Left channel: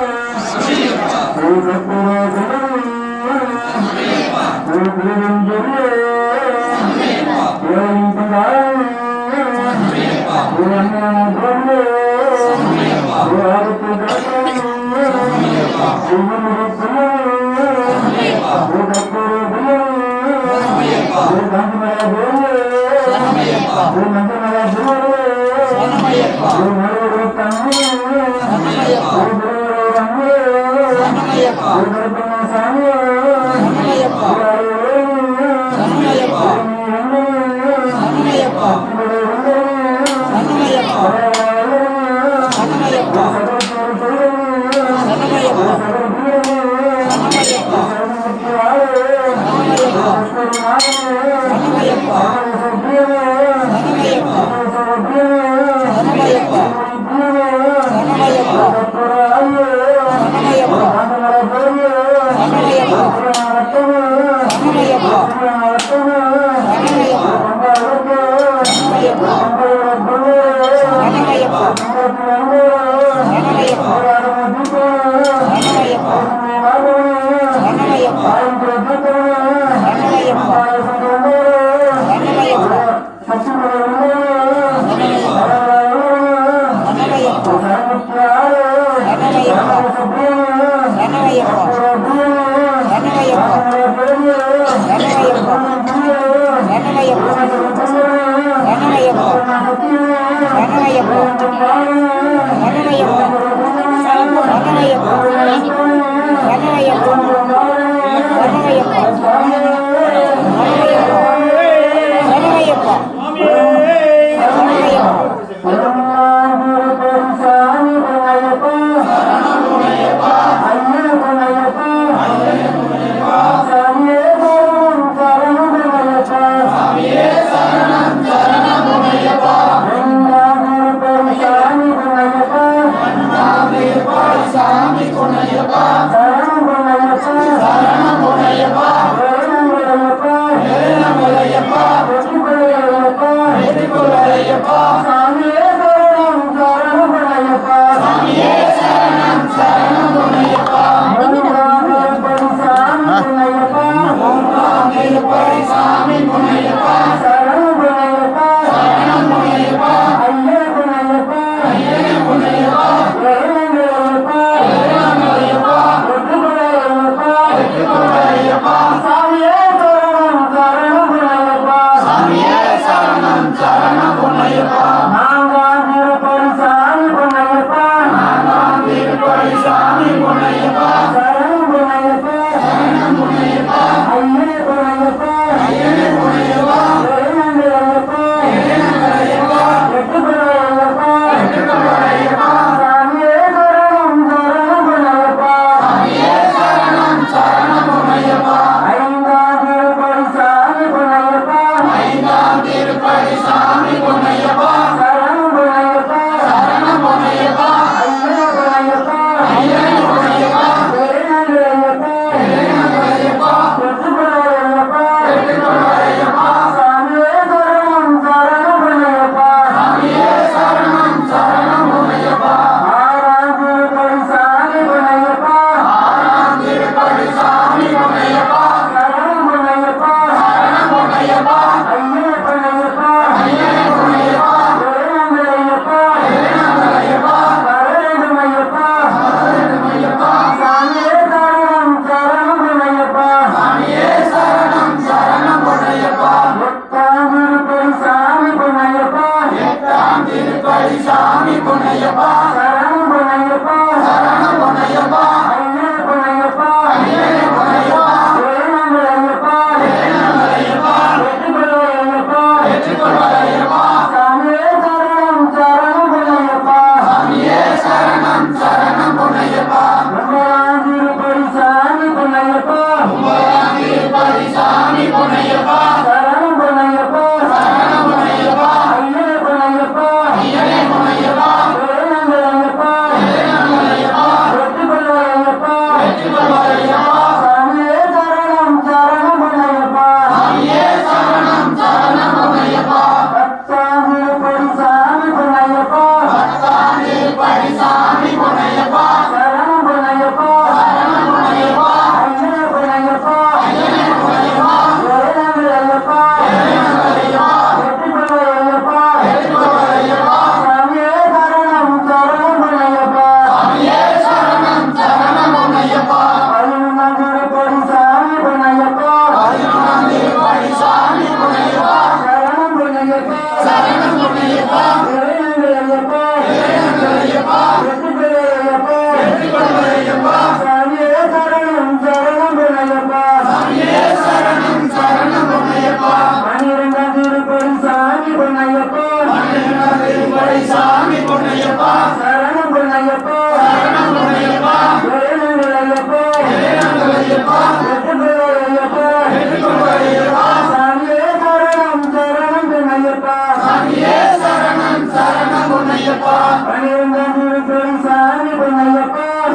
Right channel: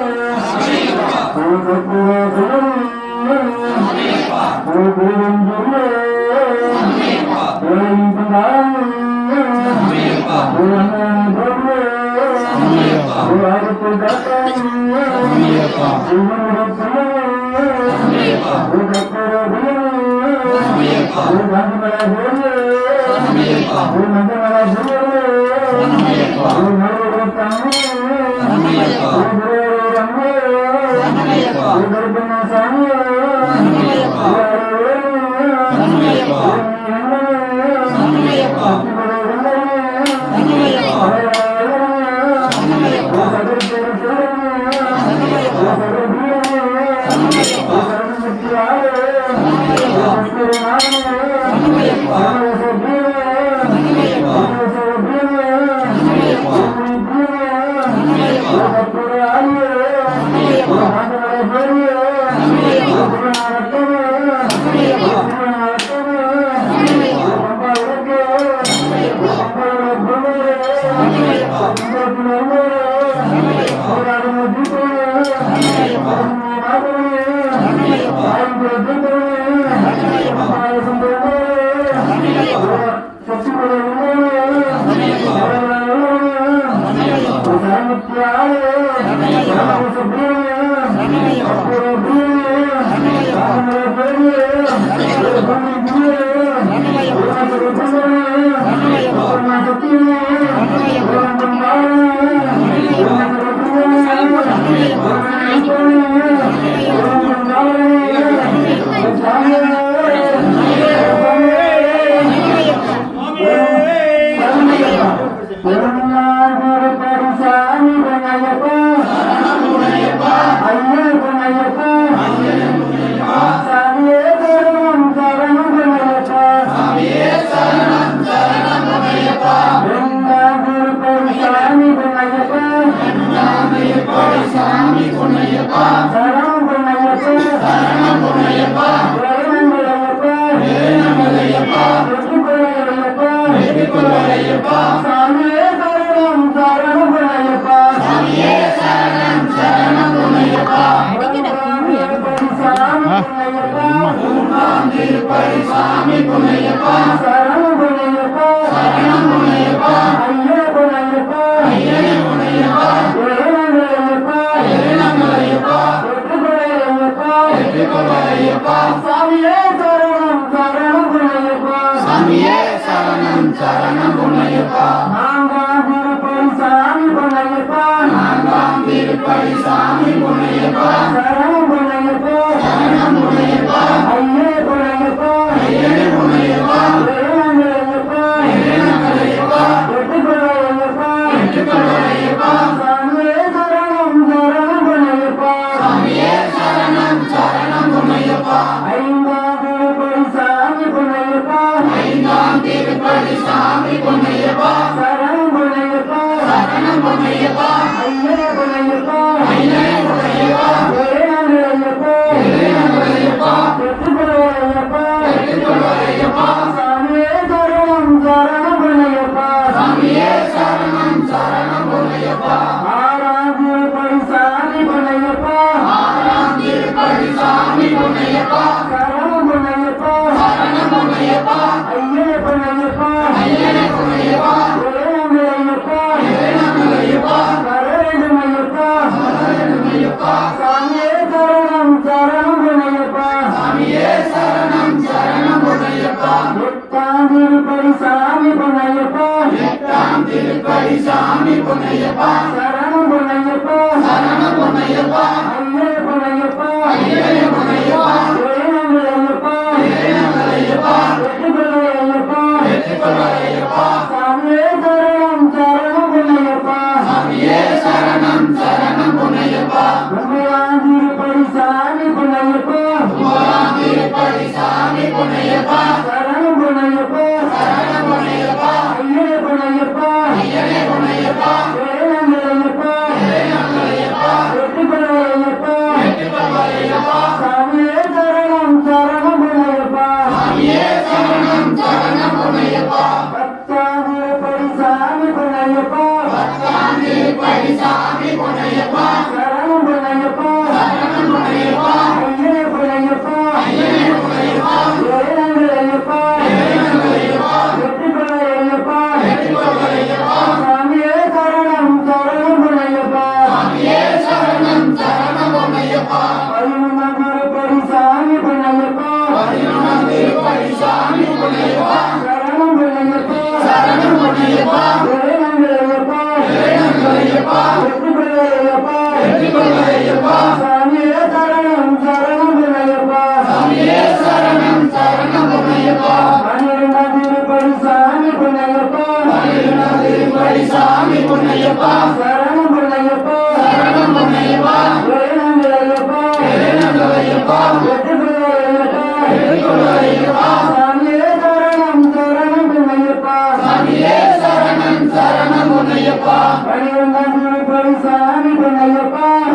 Sami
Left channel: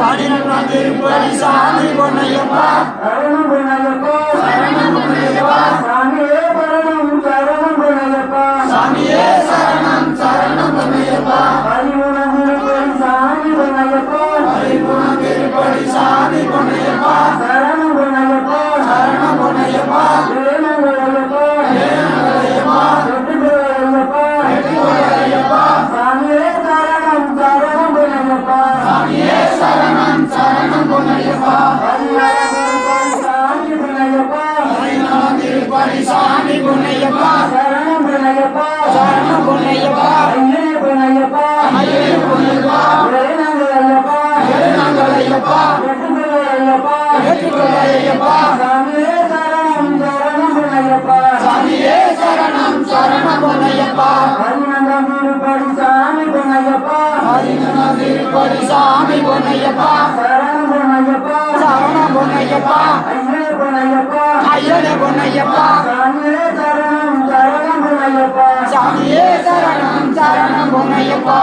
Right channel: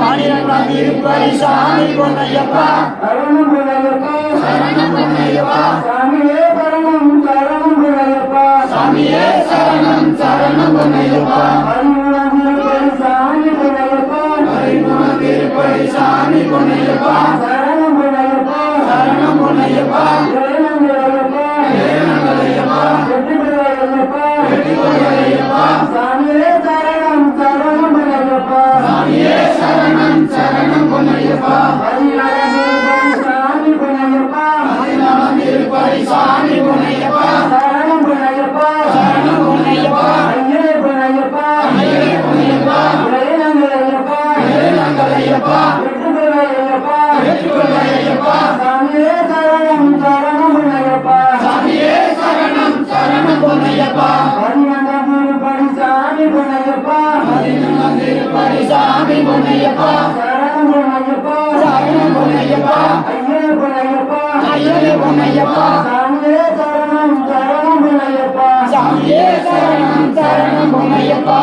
12 Tirupati சாமி பொன்னையப்பா சரணம் பொன்னையப்பா சரணம் பொன்னையப்பா சாமியே சரணம் சரணம் பொன்னையப்பா சாமியே சரணம் சரணம் பொன்னையப்பா 13 திருப்பதி சாமி பொன்னையப்பா 13 திருப்பதி சாமி பொன்னையப்பா சரணம் பொன்னையப்பா சரணம் பொன்னையப்பா வேணும் ஐயப்பா வெற்றிக்கொள் ஐயப்பா சாமியே சரணம் சரணம் பொன்னையப்பா சாமியே சரணம் சரணம் பொன்னையப்பா 14 திருப்பதி சாமி பொன்னையப்பா சரணம் பொன்னையப்பா சரணம் பொன்னையப்பா சரணம் பொன்னையப்பா ஐயனே பொன்னையப்பா வேணுங்கள் ஐயப்பா வெற்றிக்கொள் ஐயப்பா சாமியே சரணம் சரணம் பொன்னையப்பா சாமியே சரணம் சரணம் பொன்னையப்பா 14 திருப்பதி சாமி பொன்னையப்பா சரணம் பொன்னையப்பா சரணம் பொன்னையப்பா ஐயனே பொன்னையப்பா சாமியே சரணம் சரணம் பொன்னையப்பா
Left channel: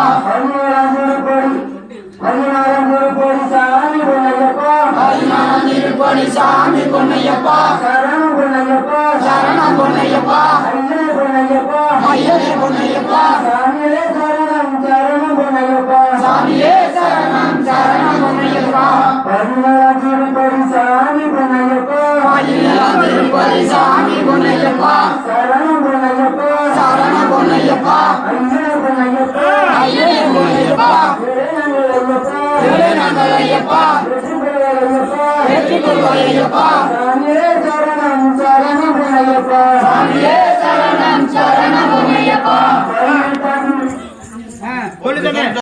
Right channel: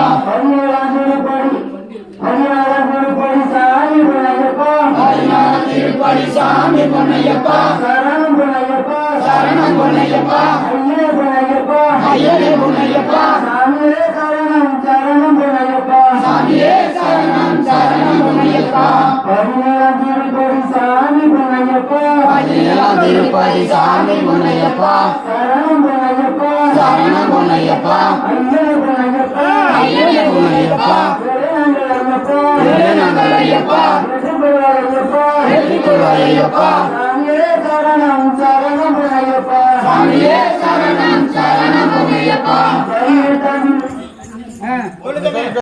16 திருப்பதி சாமி பொன்னையப்பா சரணம் பொன்னையப்பா சரணம் பொன்னையப்பா ஐயனே பொன்னையப்பா சாமியே சரணம் சரணம் பொன்னையப்பா 17 திருப்பதி சாமி பொன்னையப்பா 17 திருப்பதி சாமி பொன்னையப்பா சரணம் பொன்னையப்பா ஐயனே பொன்னையப்பா வேணுங்கள் ஐயப்பா வெற்றிக்கொள் ஐயப்பா சரணம் சரணம் பொன்னையப்பா சாமியே